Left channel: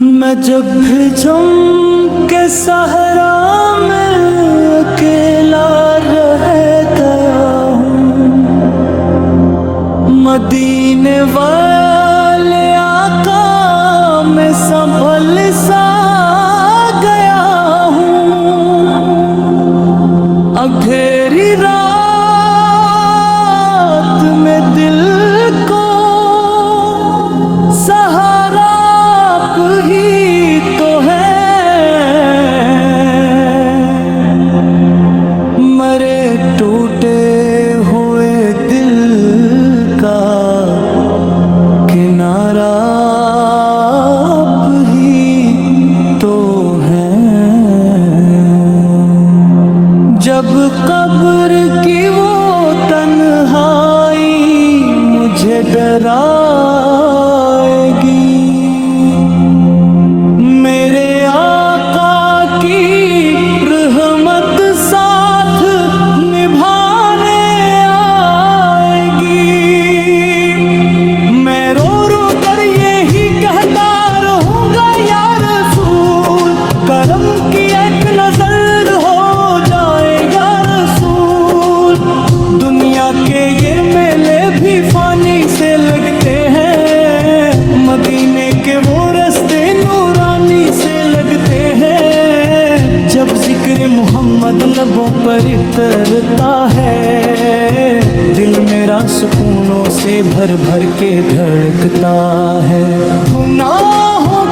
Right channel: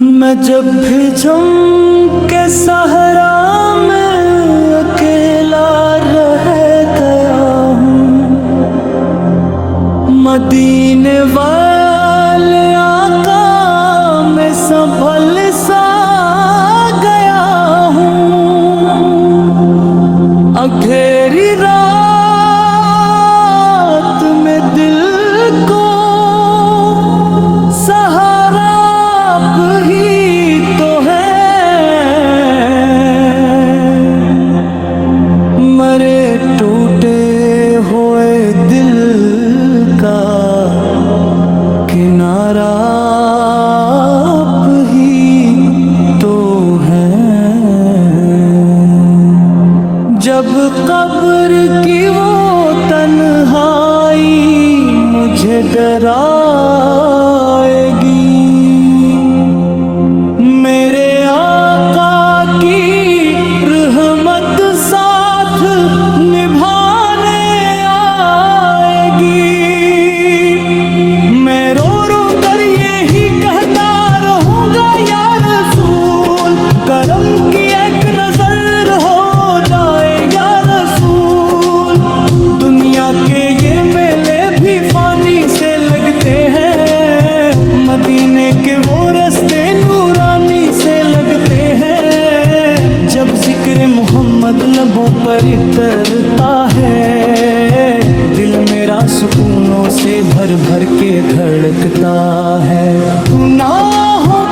मैं जब भी जम के सहरा में अकेला रह गया हूँ, मदीने वाले आका में संभल सा गया हूँ। अंधेरी रात में दिल को सहारा आप ही तो है। मरे टूटे हुए दिल का किनारा आप ही तो है। जब कब्र की वो तन्हाई मुझे डराएगी, मेरे आका की रहमत साथ निभाने आएगी। मैं रो रो कर यही कहता रहूंगा, या रसूल करम की एक नजर हो जाए या रसूल। दुनिया के ये मेले भी फानी से लगते हैं, मदीने के वो रास्ते नूरानी से लगते हैं। जब जिक्र मोहम्मद लबों पर उतरता है, दिल मेरा सुकूनों से भर भर के धड़कता है। गुनाहों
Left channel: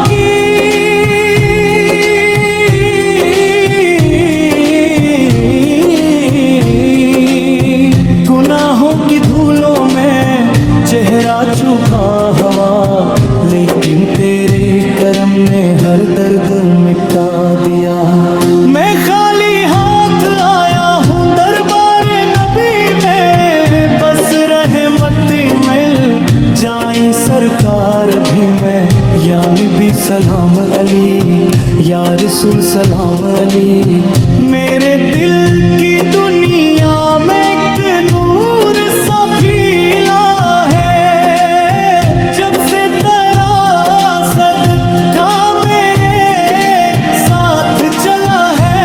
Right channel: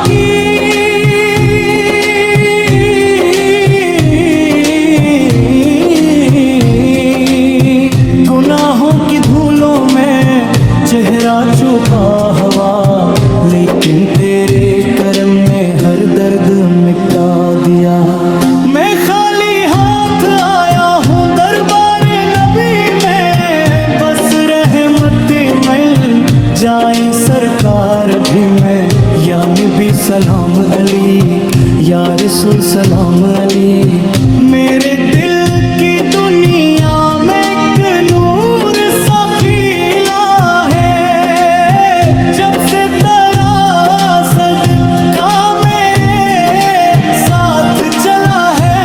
की धूलों में चेहरा छुपा हवा, लेकिन तेरे करम ने हर दर्द मिटा दिया। मैं खाली हाथ आया हूँ दरबारे नबी में, बस रहमत मिल जाए सरकार भी मैं। या नबी सलाम अली, या रसूल सलाम अली। मेरे दिल की दुनिया में एक नूर सा फीला है, जब से तेरा सदका मेरे साथ चला है।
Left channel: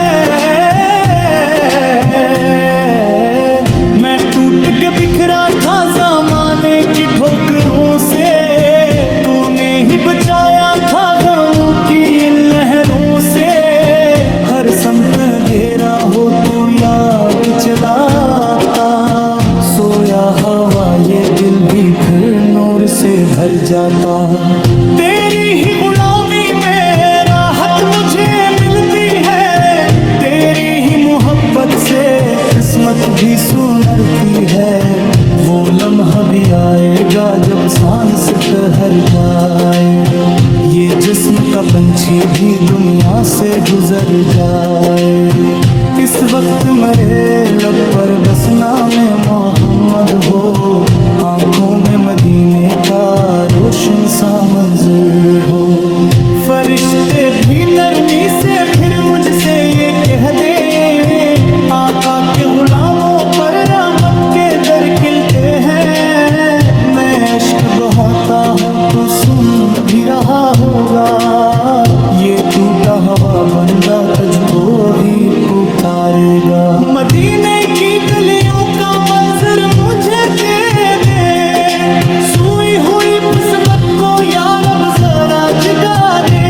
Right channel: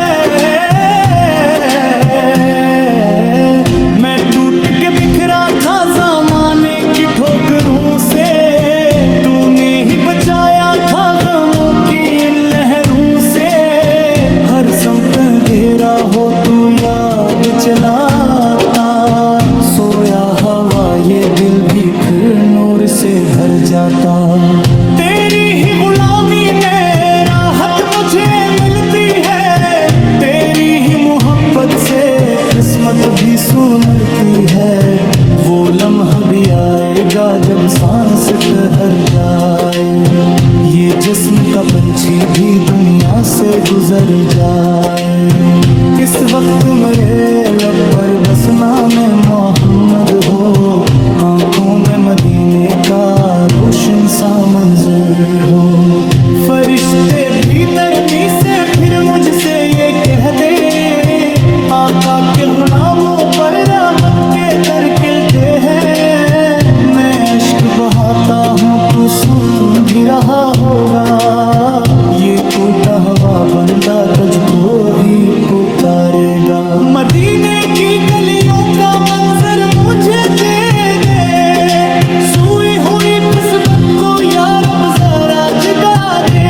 मैं टूट के बिखरा था ज़माने की ठोकरों से, तूने ही बचाया था गमों की इन लहरों से। हर समत घेरा हो तू याद चलाता, सोया हवा ये दिल भी फिर नूर से भर जाता। तेरी ही गुलामी में राहत मुझे मिलती है, तेरी ही मोहब्बत से किस्मत भी सुनरती है। वो लम्हा भी आएगा जब सांस ठहर जाए, ये जिस्म का पंछी भी दुनिया से गुजर जाए। इस वक्त मेरे लब पर बस नामे मोहम्मद हो, आंखों में मदीने का रोशन सा मंजर हो। फरिश्ते भी नरमी से फिर मुझसे ये कह दे, आका के गुलामों पर रहमत के दर खिलते हैं। मैं अश्क बहाता हूँ तू सुन भी रहा होगा, ये टूटा हुआ बंदा तुझको ही पुकारेगा। मदीने की गलियों का मंजर मुझे दे दे, सोई हुई किस्मत को या रब जरा जगा दे।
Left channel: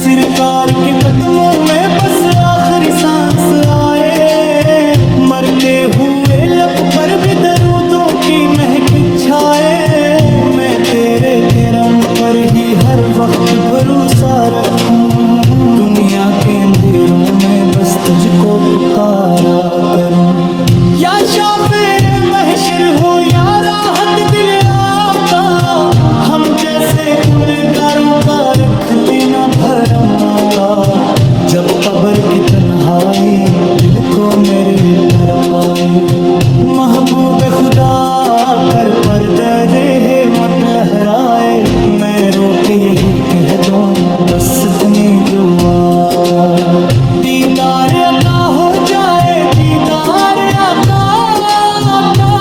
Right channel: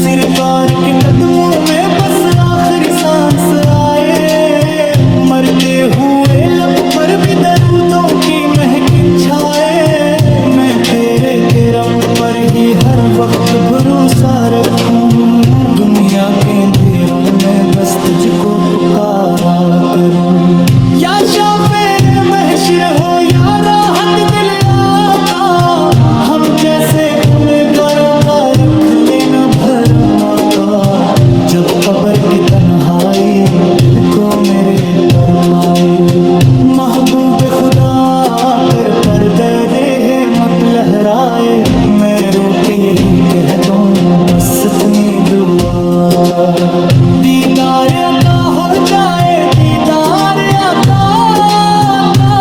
सरकार के कदमों में बस आखिरी सांस आए, मरते हुए लब पर भी दरूदों की महक छाए। मैं तेरे करम पर ही हर वक्त भरोसा रखूं, दुनिया के अंधेरों में बस तुझको पुकारा करूं। या शाफिर महशर हो या राहत दिल आका, हम जैसे गुनहगारों का रख लेना भरम आका। जब कब्र की तन्हाई दिल को मेरे तरफ आए, महबूब खुदा कर पर्दा है मत लहराए। मैं रो के यही कह दूं बस इतनी दुआ का, दीदार अता हो जाए दीदार अता का।